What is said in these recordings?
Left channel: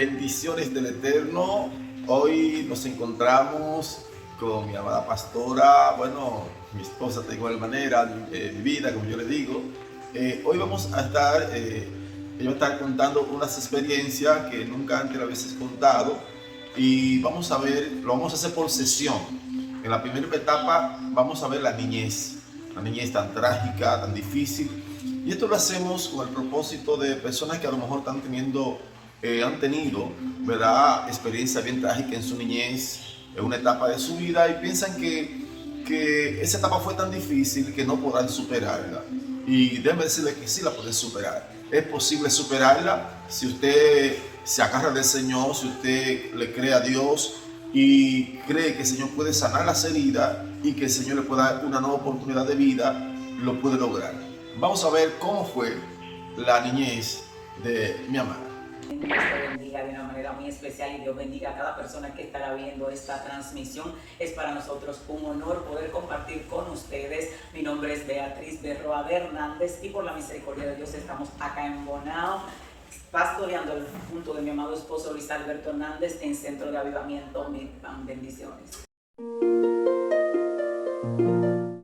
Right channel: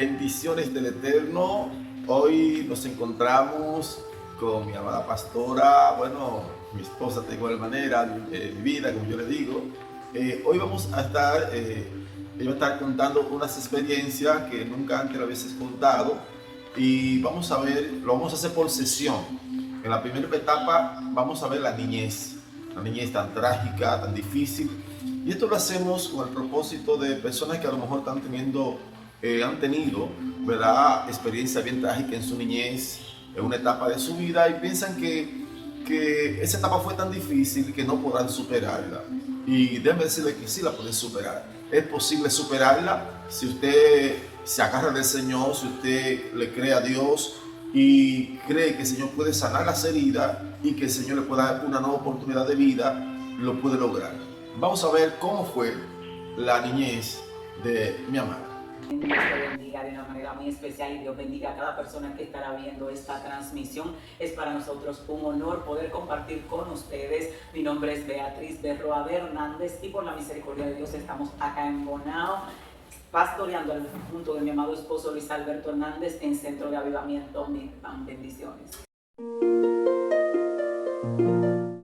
Bendiciones del Eterno. Hoy nos encontramos con mi amada pastora, bueno, mi esposa de igual manera, mi vida, como yo le digo. Hoy vamos a estar, ella va a estar contando unas experiencias que nunca antes le hubiese contado y vamos a ver, lo vamos a hacer por sesión. En la primera etapa vamos a ver la niñez tan trágica, tan difícil. Y esto lo hacemos con el propósito de personas que a lo mejor han tenido, ¿verdad?, experiencia bien trágica en su niñez, en una etapa de su vida, y piensan que esa etapa fue tan difícil que no podrán superarla. Y déjenme decirle que sí la pueden superar. Es posible superarla si usted se agarra del Señor, si usted le cree a Dios y cree que el Señor puede sanar las heridas y que el Señor le puede dar una nueva oportunidad de vida, lo puede lograr. Vamos a ver cómo fue la niñez de mi amada. Dios te bendiga de una manera muy especial y Dios bendiga a cada persona que estará viendo esta transmisión. Es para nosotros un honor poder compartir con ustedes. Mi nombre es Beatriz Berroa Hernández y por la misericordia de Dios estamos acá en Bonao, pastoreando junto de mi amado esposo Luis Alberto Hernández en Centro de Avivamiento. Bendiciones.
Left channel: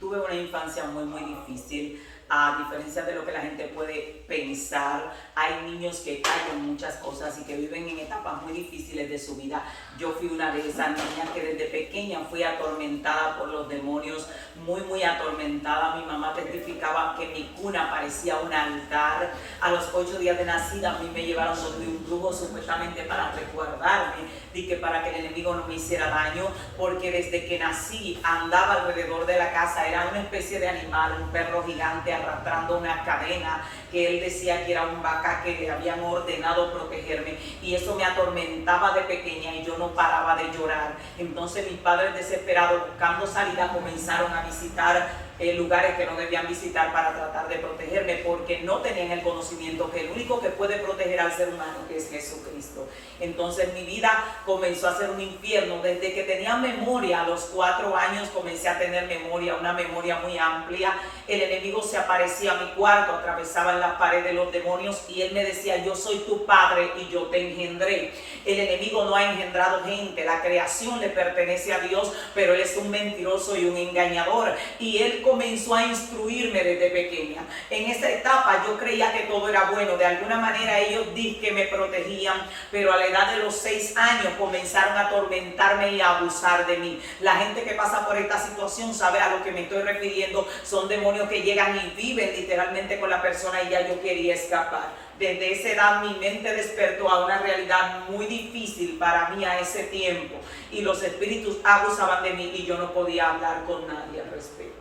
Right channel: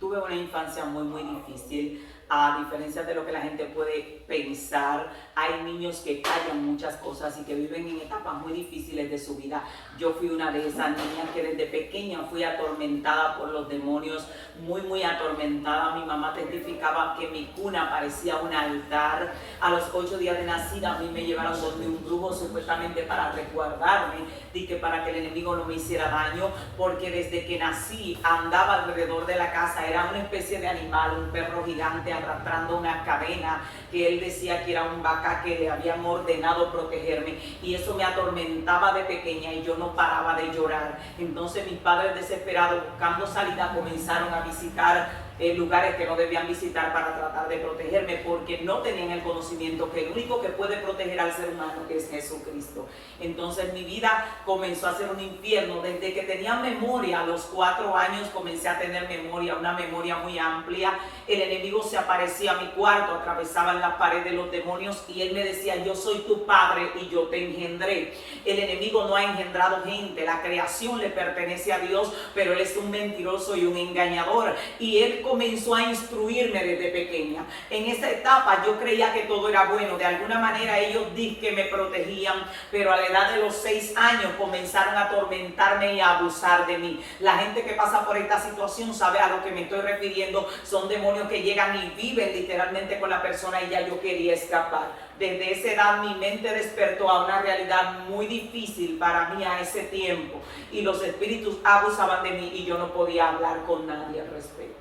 Tuve una infancia muy difícil. A diferencia de lo que la gente puede pensar, hay niños que callan muchas cosas y que viven en etapas muy difíciles de su vida. Yo fui una de esas niñas que desde pequeña fui atormentada por los demonios, muy atormentada. Mi mamá testificaba que mi cuna parecía un altar. A los 8 días de nacida a mí me llevaron donde un brujo supuestamente para resguardarme, y que para que el enemigo no me hiciera daño, porque desde que nací andaba alrededor de la casa, era una especie de animal, un perro gigante arrastrando una cadena, que él decía que era un vaca que le habían ordenado protegerme, y eso me atormentaba de pequeña y yo no paraba de llorar. Entonces mis padres, desesperados buscando salida, comenzaron a visitar lugares que no debían visitar para tratar de protegerme, porque no tenían el conocimiento que el único que puede proteger al ser humano es Jesucristo. Entonces mi vida comenzó a ser un infierno. Desde que tenía memoria, a los 4 años comencé a tener memoria, una memoria muy amplia. El enemigo se aparecía a mi cuarto, atravesaba las paredes los demonios y él me decía: yo soy tu padre y yo te engendré. El enemigo no ha engendrado gente, la creación le pertenece a Dios, pero él es un mentiroso y un engañador, y él comenzó a instruirme desde pequeña. En esa etapa yo creía que todo era bueno, de alguna manera ellos dicen que me protegían, pero a la edad de los 6 años comenzaron a atormentarme y a abusar de mí. La gente que pasa por esta situación sabe a lo que me estoy refiriendo. Son demonios que llegan y viven literalmente con la persona, y ya yo quería escapar. Desde esa edad mi mente despertó a una realidad muy difícil para mí a ese tiempo, y los espíritus abusaban de mí y yo no podía hablar con nadie al respecto.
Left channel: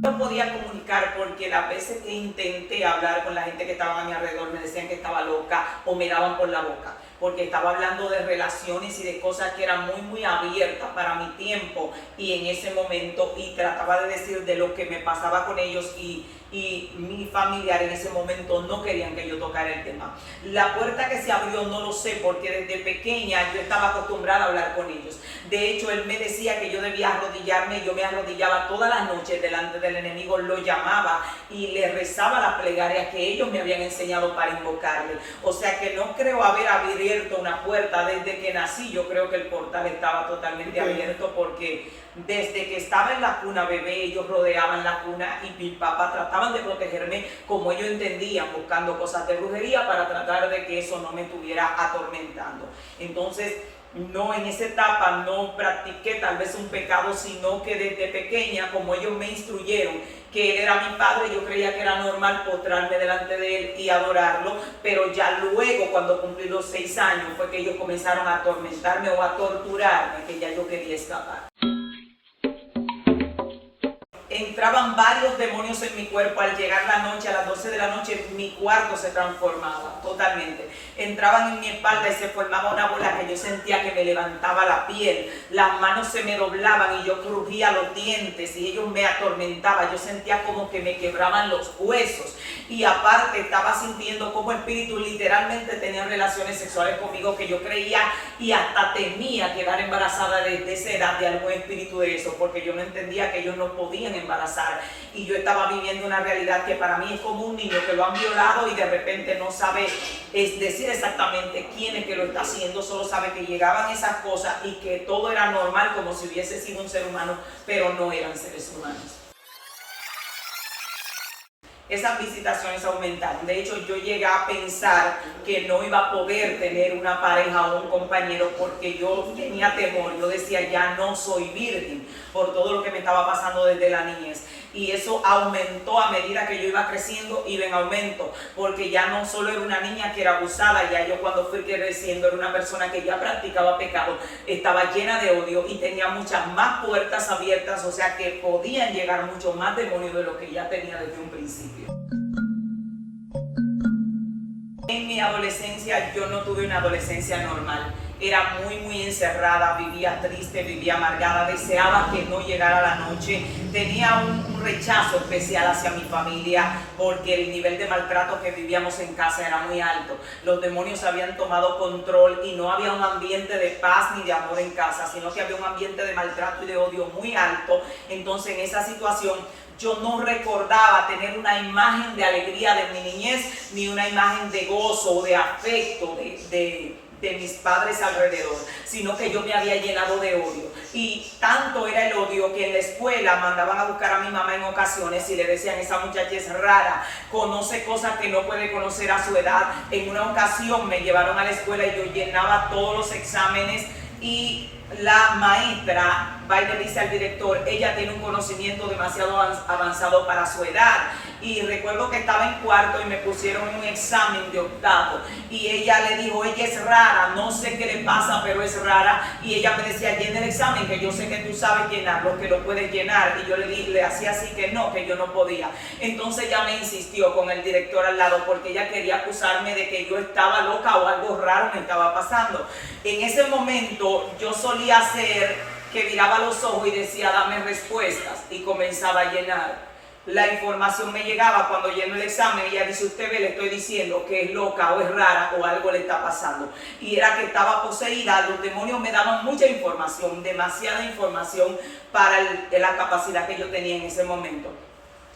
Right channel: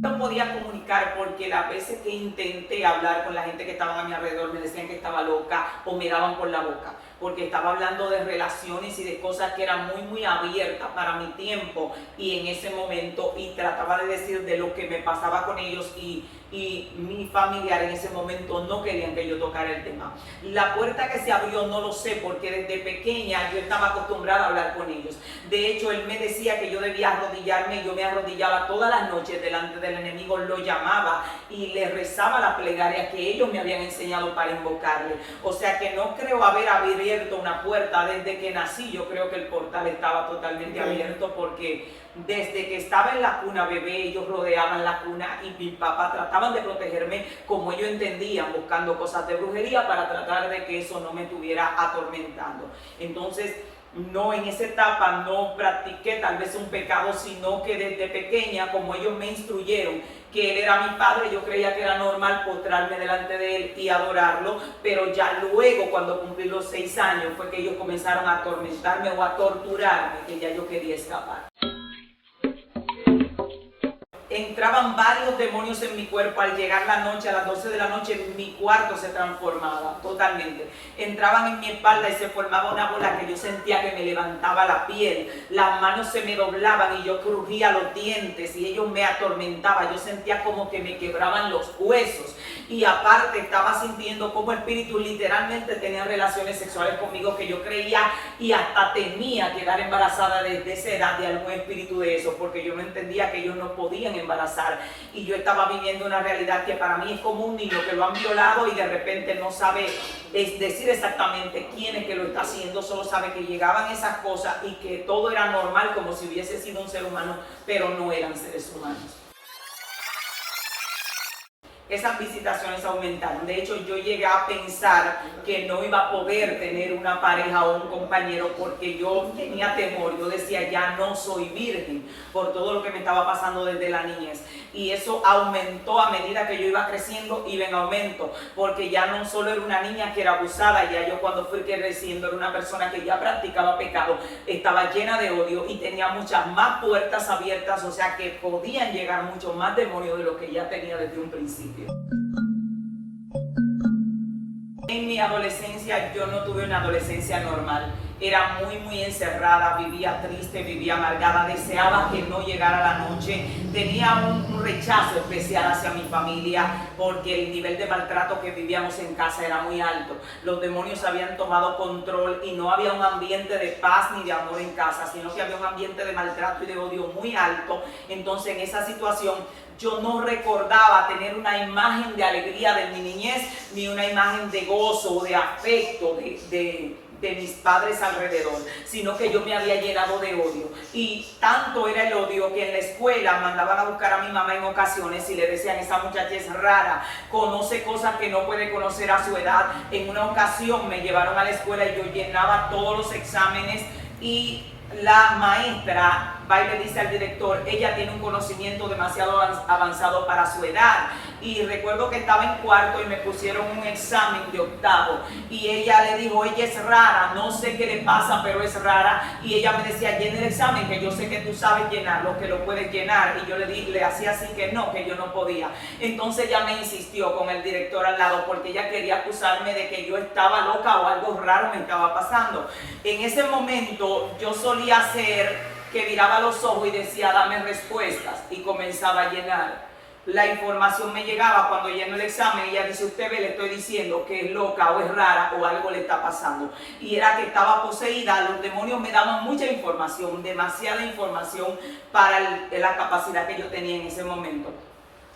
No podía comunicar porque las veces que intenté hablar con la gente que estaba a mi alrededor me decían que estaba loca o me daban por la boca, porque estaba hablando de relaciones y de cosas que eran muy abiertas para mi tiempo y en ese momento, y trataba de decir de lo que me pasaba con ellos, y mi familiar en ese momento no querían que yo tocara el tema. La puerta que se abrió no lo sé, porque desde pequeña yo estaba acostumbrada a hablar con ellos. De hecho, él me decía que yo debía arrodillarme, y yo me arrodillaba todas las noches delante del enemigo, lo llamaba y le rezaba la plegaria que ellos me habían enseñado para invocarle. O sea que no creo haber abierto una puerta desde que nací. Yo creo que el portal estaba totalmente abierto, porque desde que estaba en la cuna bebé, ellos rodeaban la cuna y mi papá trataban de protegerme como ellos entendían, buscando cosas de brujería para tratar de que eso no me estuviera atormentando. Entonces, no, en esa etapa no practiqué tal vez un pecado, sino que desde pequeña, como ellos me instruyeron que él era mi padre, yo creía que era normal postrarme delante de él y adorarlo, pero ya luego, cuando cumplí los 6 años, fue que ellos comenzaron a atormentarme o a torturarme, que ya yo quería escapar. Entraban varios demonios en mi cuerpo. Al llegar la noche, a las 12 de la noche, mi cuarto se transformaba totalmente. Entraban en mi espalda y se formaba una bola que yo sentía que me levantaba la piel. Las manos se me doblaban y yo crujía los dientes y ellos me atormentaban. Yo sentía como que me quebraban los huesos. Y aparte estaba sintiendo como espíritus literalmente tenían relaciones sexuales conmigo, que yo creía y hasta temía quedar embarazada desde esa edad de algún espíritu de eso, porque yo no entendía que ellos no podían embarazar embarazar. Y yo estaba viviendo una realidad que para mí es como un niño que lo han violado y de repente no sabe decir exactamente quién es que lo está haciendo, solo sabe que llegaban esas cosas y que todo era normal como si hubiese sido un ser humano, pero no eran seres humanos. Esas visitaciones aumentaron. De hecho, yo llegué a pensar que no iba a poder tener una pareja o un compañero porque yo tenía temor. Yo decía, ya no soy virgen por todo lo que me estaba pasando desde la niñez. Y eso aumentó a medida que yo iba creciendo, iba en aumento, porque ya no solo era una niña que era abusada, ya yo cuando fui creciendo era una persona que ya practicaba pecado, estaba llena de odio y tenía muchas más puertas abiertas, o sea que podían llegar mucho más demonios de lo que ya tenía desde un principio. En mi adolescencia yo no tuve una adolescencia normal, era muy encerrada, vivía triste, vivía amargada, deseaba que no llegara la noche, tenía un rechazo especial hacia mi familia porque el nivel de maltrato que vivíamos en casa era muy alto. Los demonios habían tomado control y no había un ambiente de paz ni de amor en casa, sino que había un ambiente de maltrato y de odio muy alto. Entonces en esa situación yo no recordaba tener una imagen de alegría de mi niñez, ni una imagen de gozo o de afecto de mis padres alrededor, sino que yo me había llenado de odio. Y tanto era el odio que en la escuela mandaban a buscar a mi mamá en ocasiones y le decían, esa muchacha es rara, conoce cosas que no puede conocer a su edad. En una ocasión me llevaron a la escuela y yo llenaba todos los exámenes y la maestra va y le dice al director, ella tiene un conocimiento demasiado avanzado para su edad. Y recuerdo que estaba en cuarto y me pusieron un examen de octavo y ella le dijo, ella es rara, no sé qué le pasa, pero es rara. Y ella me decía, llena el examen, que yo sé que tú sabes llenarlo, que lo puedes llenar. Y yo le hacía así que no, que yo no podía. Entonces ella me insistió con el director al lado porque ella quería acusarme de que yo estaba loca o algo raro me estaba pasando. En ese momento yo solía hacer que miraba los ojos y decía, dame respuestas, y comenzaba a llenar. La información me llegaba cuando lleno el examen y ella dice, usted ve, le estoy diciendo que es loca o es rara o algo le está pasando. Y era que estaba poseída, los demonios me daban mucha información, demasiada información para la capacidad que yo tenía en ese momento.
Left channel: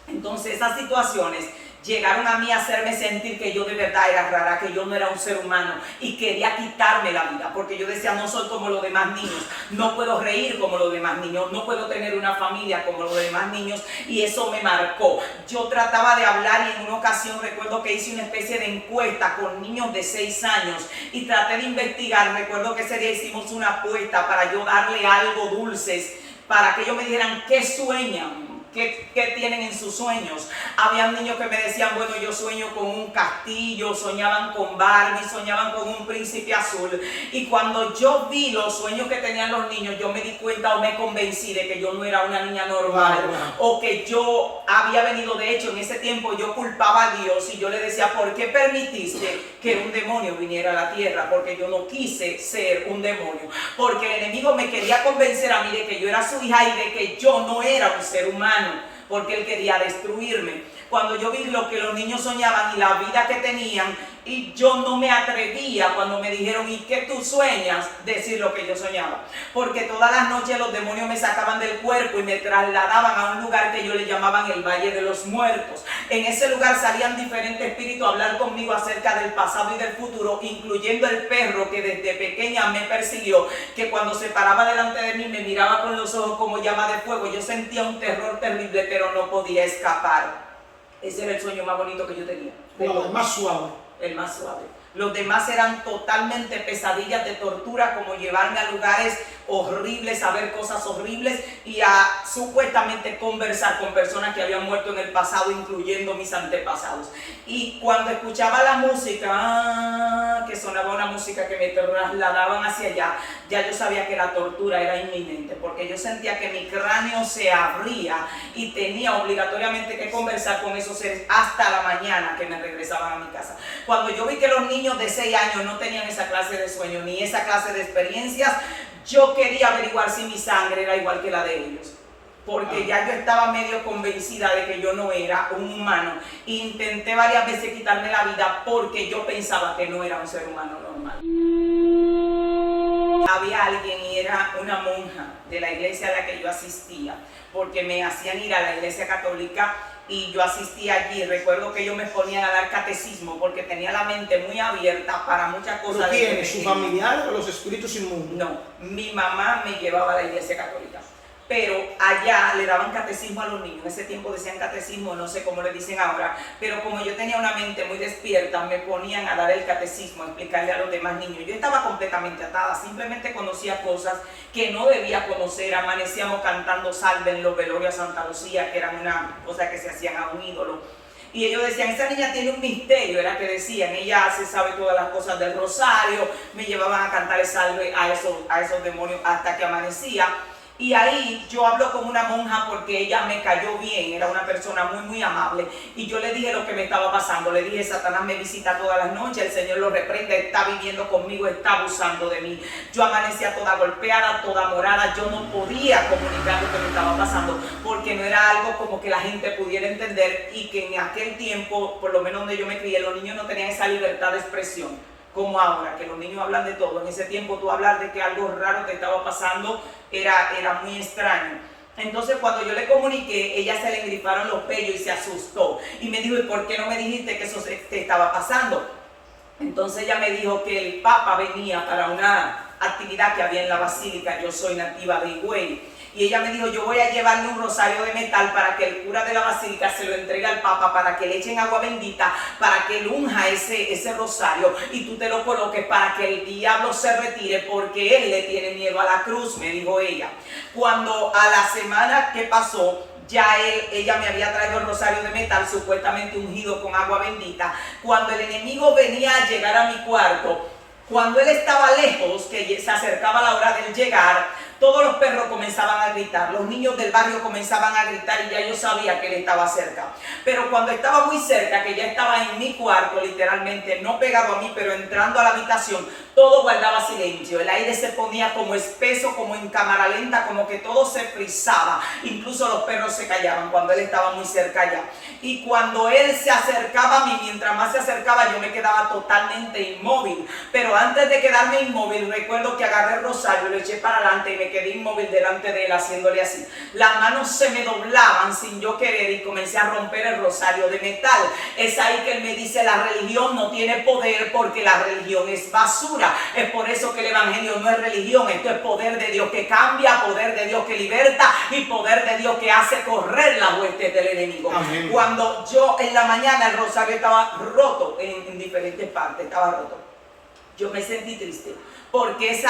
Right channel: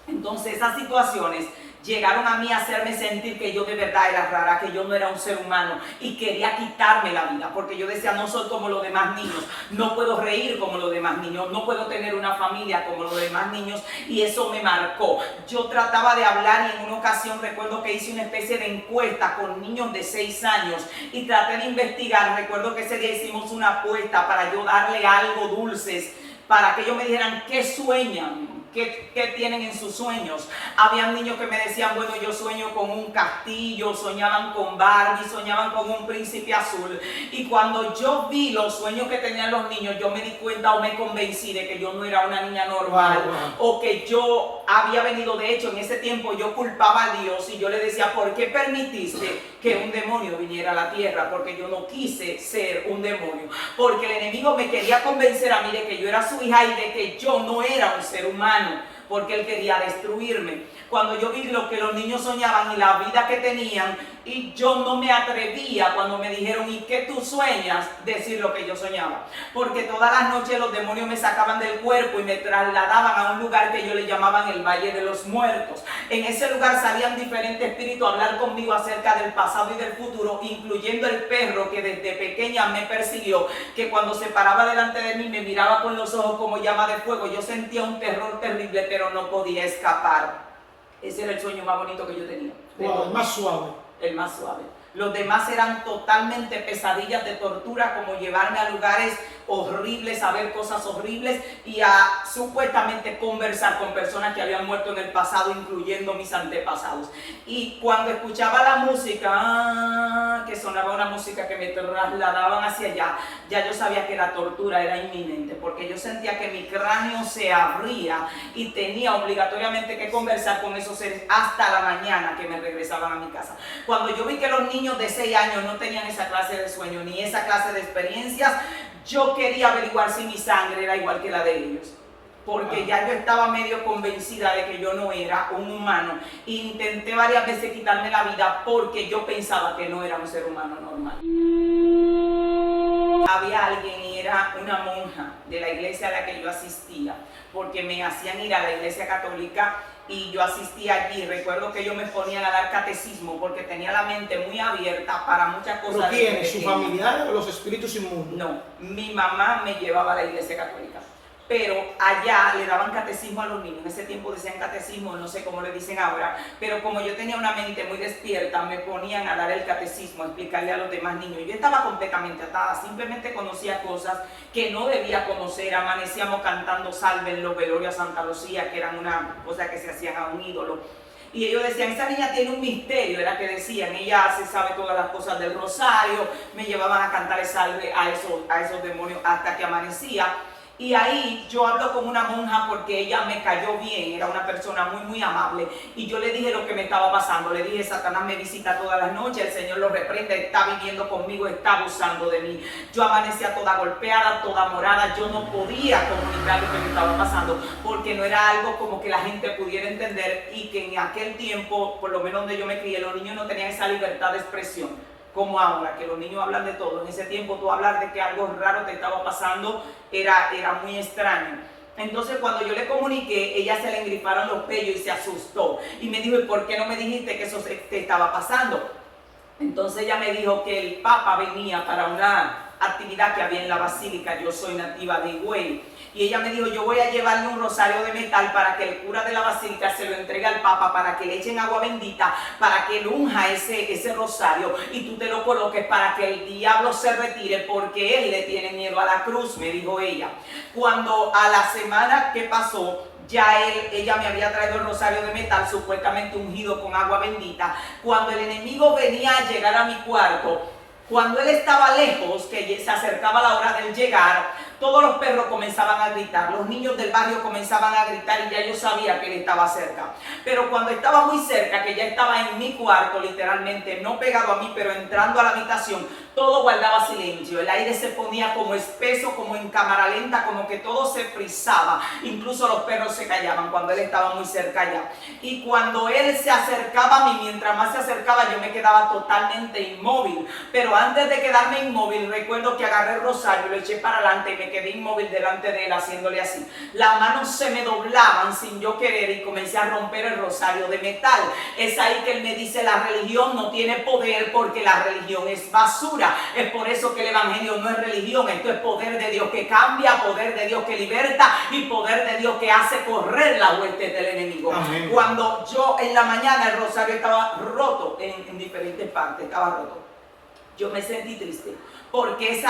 Entonces esas situaciones llegaron a mí a hacerme sentir que yo de verdad era rara, que yo no era un ser humano y quería quitarme la vida porque yo decía, no soy como los demás niños, no puedo reír como los demás niños, no puedo tener una familia como los demás niños, y eso me marcó. Yo trataba de hablar y en una ocasión recuerdo que hice una especie de encuesta con niños de 6 años y traté de investigar. Recuerdo que ese día hicimos una apuesta para yo darle algo dulces para que ellos me dijeran qué sueñan. ¿Qué tienen en sus sueños? Habían niños que me decían, bueno, yo sueño con un castillo, soñaban con Barbie, soñaban con un príncipe azul. Y cuando yo vi los sueños que tenían los niños, yo me di cuenta o me convencí de que yo no era una niña normal. O que yo había venido, de hecho, en ese tiempo yo culpaba a Dios y yo le decía, ¿por qué permitiste que un demonio viniera a la tierra? Porque yo no quise ser un demonio. Porque el enemigo me quería convencer a mí de que yo era su hija y de que yo no era un ser humano, porque él quería destruirme. Cuando yo vi lo que los niños soñaban y la vida que tenían, y yo no me atrevía cuando me dijeron, ¿y qué tú sueñas? Decir lo que yo soñaba, porque todas las noches los demonios me sacaban del cuerpo y me trasladaban a un lugar que ellos le llamaban el Valle de los Muertos. En ese lugar salían diferentes espíritus a hablar conmigo acerca del pasado y del futuro, incluyendo el perro que desde pequeña me persiguió, que cuando se paraba delante de mí me miraba con los ojos como llama de fuego. Yo sentía un terror terrible, pero no podía escapar. Ese era el sueño más bonito que yo tenía. Wow, el más suave. El más suave. Los demás eran totalmente pesadillas de tortura, como llevarme a lugares horribles, a ver cosas horribles y a supuestamente conversar con personas que habían muerto en el pasado, incluyendo mis antepasados. Y cuando escuchaba la música, que sonaba una música que me trasladaban hacia allá, ya yo sabía que la tortura era inminente, porque yo sentía que mi cráneo se abría y tenía obligatoriamente que conversar con esos seres hasta la mañana que me regresaban a mi casa. Cuando yo vi que los niños de 6 años no tenían esa clase de sueño ni esa clase de experiencias, yo quería averiguar si mi sangre era igual que la de ellos, porque ya yo estaba medio convencida de que yo no era un humano. Intenté varias veces quitarme la vida porque yo pensaba que no era un ser humano normal. Había alguien, y era una monja de la iglesia a la que yo asistía, porque me hacían ir a la iglesia católica y yo asistía allí. Recuerdo que ellos me ponían a dar catecismo porque tenía la mente muy abierta para muchas cosas. ¿Pero quién? ¿Su familiar o los espíritus inmundos? No, mi mamá me llevaba a la iglesia católica, pero allá le daban catecismo a los niños. En ese tiempo decían catecismo, no sé cómo le dicen ahora, pero como yo tenía una mente muy despierta, me ponían a dar el catecismo, a explicarle a los demás niños. Yo estaba completamente atada, simplemente conocía cosas que no debía conocer. Amanecíamos cantando salve en los velorios a Santa Lucía, que eran una cosa que se hacían a un ídolo. Y ellos decían, esa niña tiene un misterio, era que decían, ella se sabe todas las cosas del rosario. Me llevaban a cantar el salve a esos demonios hasta que amanecía. Y ahí yo hablo con una monja porque ella me cayó bien, era una persona muy, muy amable. Y yo le dije lo que me estaba pasando. Le dije, Satanás me visita todas las noches, el Señor lo reprende, está viviendo conmigo, está abusando de mí. Yo amanecía toda golpeada, toda morada. Yo no podía comunicar lo que me estaba pasando porque no era algo como que la gente pudiera entender, y que en aquel tiempo, por lo menos donde yo me crié, los niños no tenían esa libertad de expresión como ahora, que los niños hablan de todo. En ese tiempo tú hablar de que algo raro te estaba pasando era muy extraño. Entonces cuando yo le comuniqué, ella se le engriparon los pellos y se asustó. Y me dijo, ¿y por qué no me dijiste que eso te estaba pasando? Entonces ella me dijo que el Papa venía para una actividad que había en la Basílica. Yo soy nativa de Higüey. Y ella me dijo, yo voy a llevarle un rosario de metal para que el cura de la basílica se lo entregue al Papa, para que le echen agua bendita, para que él unja ese rosario y tú te lo coloques para que el diablo se retire, porque él le tiene miedo a la cruz, me dijo ella. Cuando a la semana que pasó, ya ella me había traído el rosario de metal, supuestamente ungido con agua bendita. Cuando el enemigo venía a llegar a mi cuarto, cuando él estaba lejos, que se acercaba la hora de llegar, todos los perros comenzaban a gritar, los niños del barrio comenzaban a gritar, y ya yo sabía que él estaba cerca. Pero cuando estaba muy cerca, que ya estaba en mi cuarto, literalmente, no pegado a mí, pero entrando a la habitación, todo guardaba silencio. El aire se ponía como espeso, como en cámara lenta, como que todo se frizaba. Incluso los perros se callaban cuando él estaba muy cerca ya. Y cuando él se acercaba a mí, mientras más se acercaba, yo me quedaba totalmente inmóvil. Pero antes de quedarme inmóvil, recuerdo que agarré el rosario, lo eché para adelante y me quedé inmóvil delante de él, haciéndole así. Las manos se me doblaban sin yo querer y comencé a romper el rosario de metal. Es ahí que él me dice, la religión no tiene poder porque la religión es basura. Es por eso que el evangelio no es religión, esto es poder de Dios que cambia, poder de Dios que liberta y poder de Dios que hace correr la hueste del enemigo. Amén. Cuando yo en la mañana, el rosario estaba roto en diferentes partes, estaba roto. Yo me sentí triste porque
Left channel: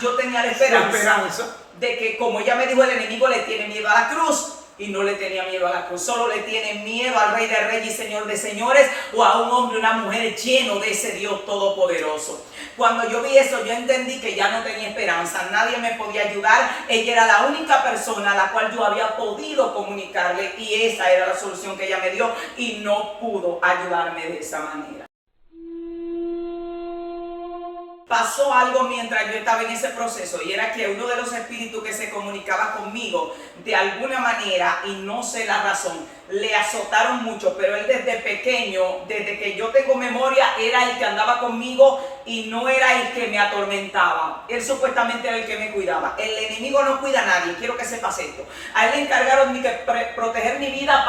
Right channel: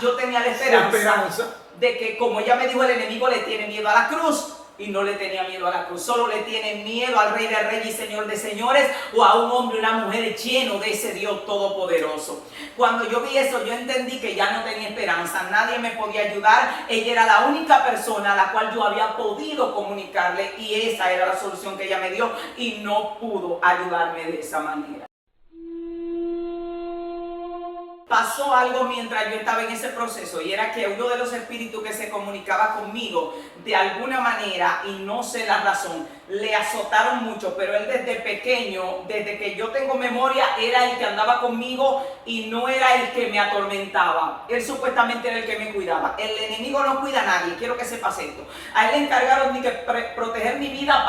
yo tenía la esperanza de que, como ella me dijo, el enemigo le tiene miedo a la cruz. Y no le tenía miedo a la cruz, solo le tiene miedo al Rey de Reyes y Señor de Señores, o a un hombre, una mujer lleno de ese Dios todopoderoso. Cuando yo vi eso, yo entendí que ya no tenía esperanza, nadie me podía ayudar. Ella era la única persona a la cual yo había podido comunicarle, y esa era la solución que ella me dio, y no pudo ayudarme de esa manera. Pasó algo mientras yo estaba en ese proceso, y era que uno de los espíritus que se comunicaba conmigo de alguna manera, y no sé la razón, le azotaron mucho, pero él desde pequeño, desde que yo tengo memoria, era el que andaba conmigo y no era el que me atormentaba. Él supuestamente era el que me cuidaba. El enemigo no cuida a nadie, quiero que sepas esto. A él le encargaron de proteger mi vida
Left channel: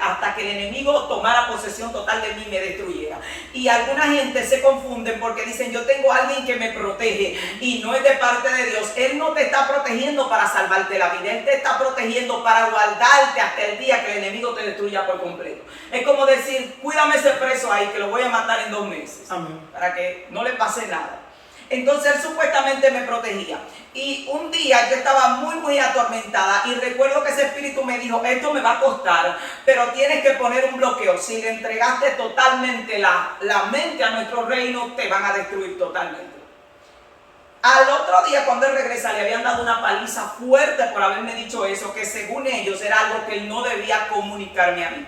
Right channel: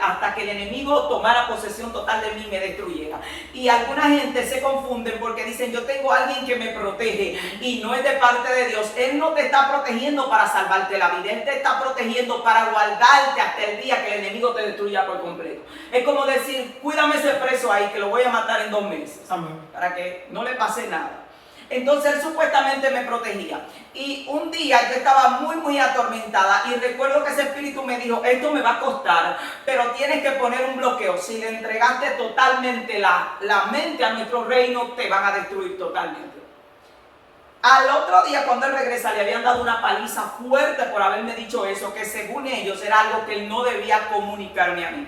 hasta que el enemigo tomara posesión total de mí y me destruyera. Y alguna gente se confunden porque dicen, yo tengo a alguien que me protege, y no es de parte de Dios. Él no te está protegiendo para salvarte la vida, él te está protegiendo para guardarte hasta el día que el enemigo te destruya por completo. Es como decir, cuídame ese preso ahí que lo voy a matar en 2 meses. Amén. Para que no le pase nada. Entonces él supuestamente me protegía. Y un día yo estaba muy, muy atormentada, y recuerdo que ese espíritu me dijo, esto me va a costar, pero tienes que poner un bloqueo. Si le entregaste totalmente la mente a nuestro reino, te van a destruir totalmente. Al otro día, cuando él regresa, le habían dado una paliza fuerte por haberme dicho eso, que según ellos era algo que él no debía comunicarme a mí.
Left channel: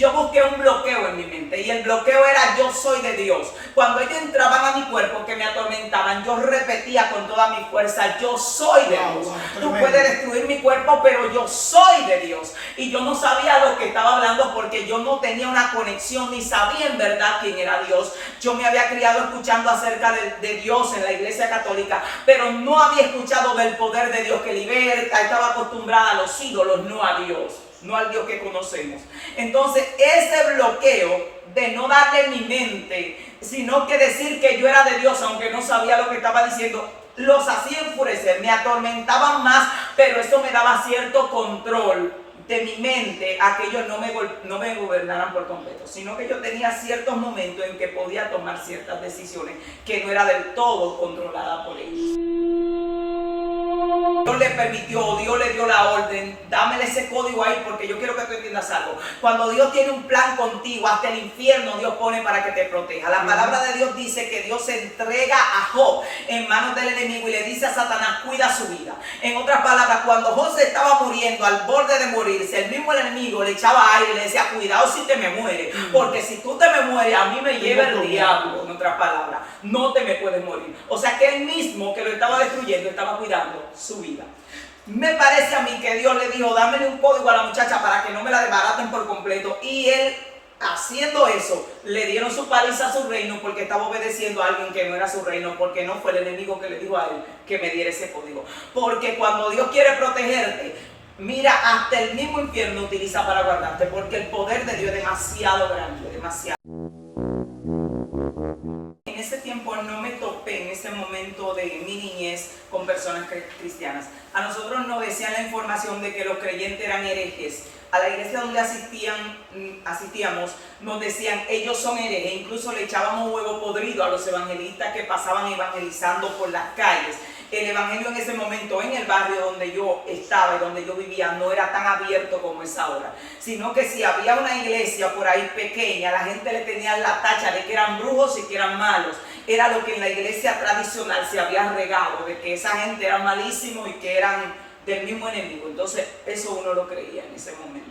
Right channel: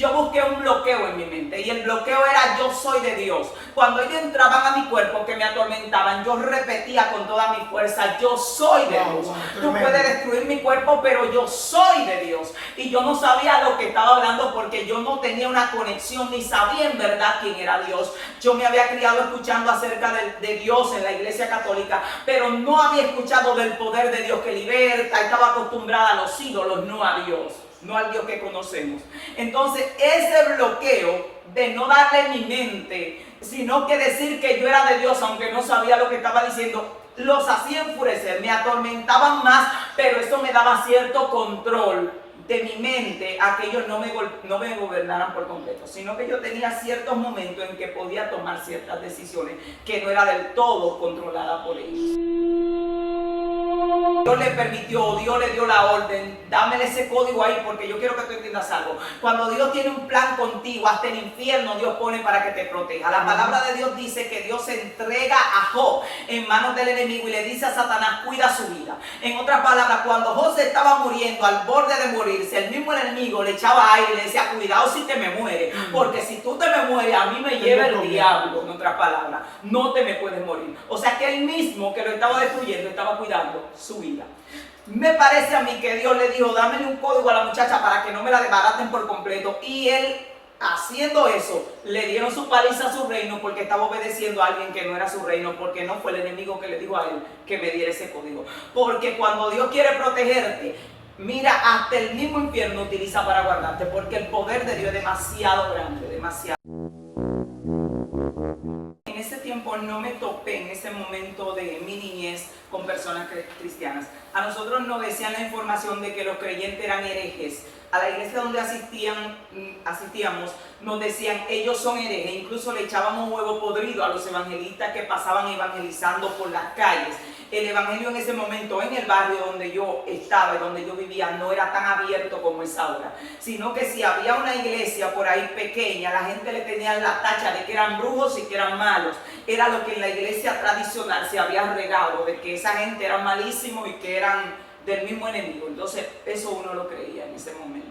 yo busqué un bloqueo en mi mente y el bloqueo era yo soy de Dios. Cuando ellos entraban a mi cuerpo que me atormentaban, yo repetía con toda mi fuerza, yo soy de Dios. Tú puedes destruir mi cuerpo, pero yo soy de Dios. Y yo no sabía lo que estaba hablando porque yo no tenía una conexión ni sabía en verdad quién era Dios. Yo me había criado escuchando acerca de Dios en la iglesia católica, pero no había escuchado del poder de Dios que liberta. Estaba acostumbrada a los ídolos, no a Dios, no al Dios que conocemos. Entonces ese bloqueo de no darle mi mente, sino que decir que yo era de Dios aunque no sabía lo que estaba diciendo, los hacía enfurecer, me atormentaban más, pero eso me daba cierto control de mi mente a que ellos no me gobernaran por completo, sino que yo tenía ciertos momentos en que podía tomar ciertas decisiones que no era del todo controlada por ellos. Dios le permitió, Dios le dio la orden, dámele ese código ahí porque yo quiero que tú entiendas algo. Cuando Dios tiene un plan contigo, hasta el infierno Dios pone para que te proteja. La palabra de Dios dice que Dios entrega a Job en manos del enemigo y le dice a Satanás, cuida su vida. En otras palabras, cuando Job se estaba muriendo, al borde de morirse, el mismo enemigo le echaba aire y le decía, cuidado si te me mueres, porque si tú te me mueres, a mí me lleva el diablo. En otras palabras, no te me puedes morir. O sea que él mismo que lo estaba destruyendo, estaba cuidando su vida. Me parece a mí que Dios le dijo, dámele un código a la muchacha para que no me la desbaraten por completo. Y él, haciendo eso, le dieron su paliza a su reino porque estaba obedeciendo a alguien que no era su reino, porque no fue el enemigo que le dijo a él que me diera ese código. Porque cuando Dios quiere protegerte, mira, hasta el mismo infierno utiliza para guardarte, porque el poder de Dios es demasiado grande, demasiado. En ese tiempo no me topé en ese momento de mi niñez con personas cristianas. A nosotros nos decían la información de que los creyentes eran herejes. A la iglesia donde asistíamos nos decían ellos son herejes. Incluso le echábamos huevo podrido a los evangelistas que pasaban evangelizando por las calles. El evangelio en ese momento en el barrio donde yo estaba y donde yo vivía no era tan abierto como es ahora, sino que si había una iglesia por ahí pequeña, la gente le tenía la tacha de que eran brujos y que eran malos. Era lo que en la iglesia tradicional se había regado, de que esa gente era malísimo y que eran del mismo enemigo. Entonces eso uno lo creía en ese momento.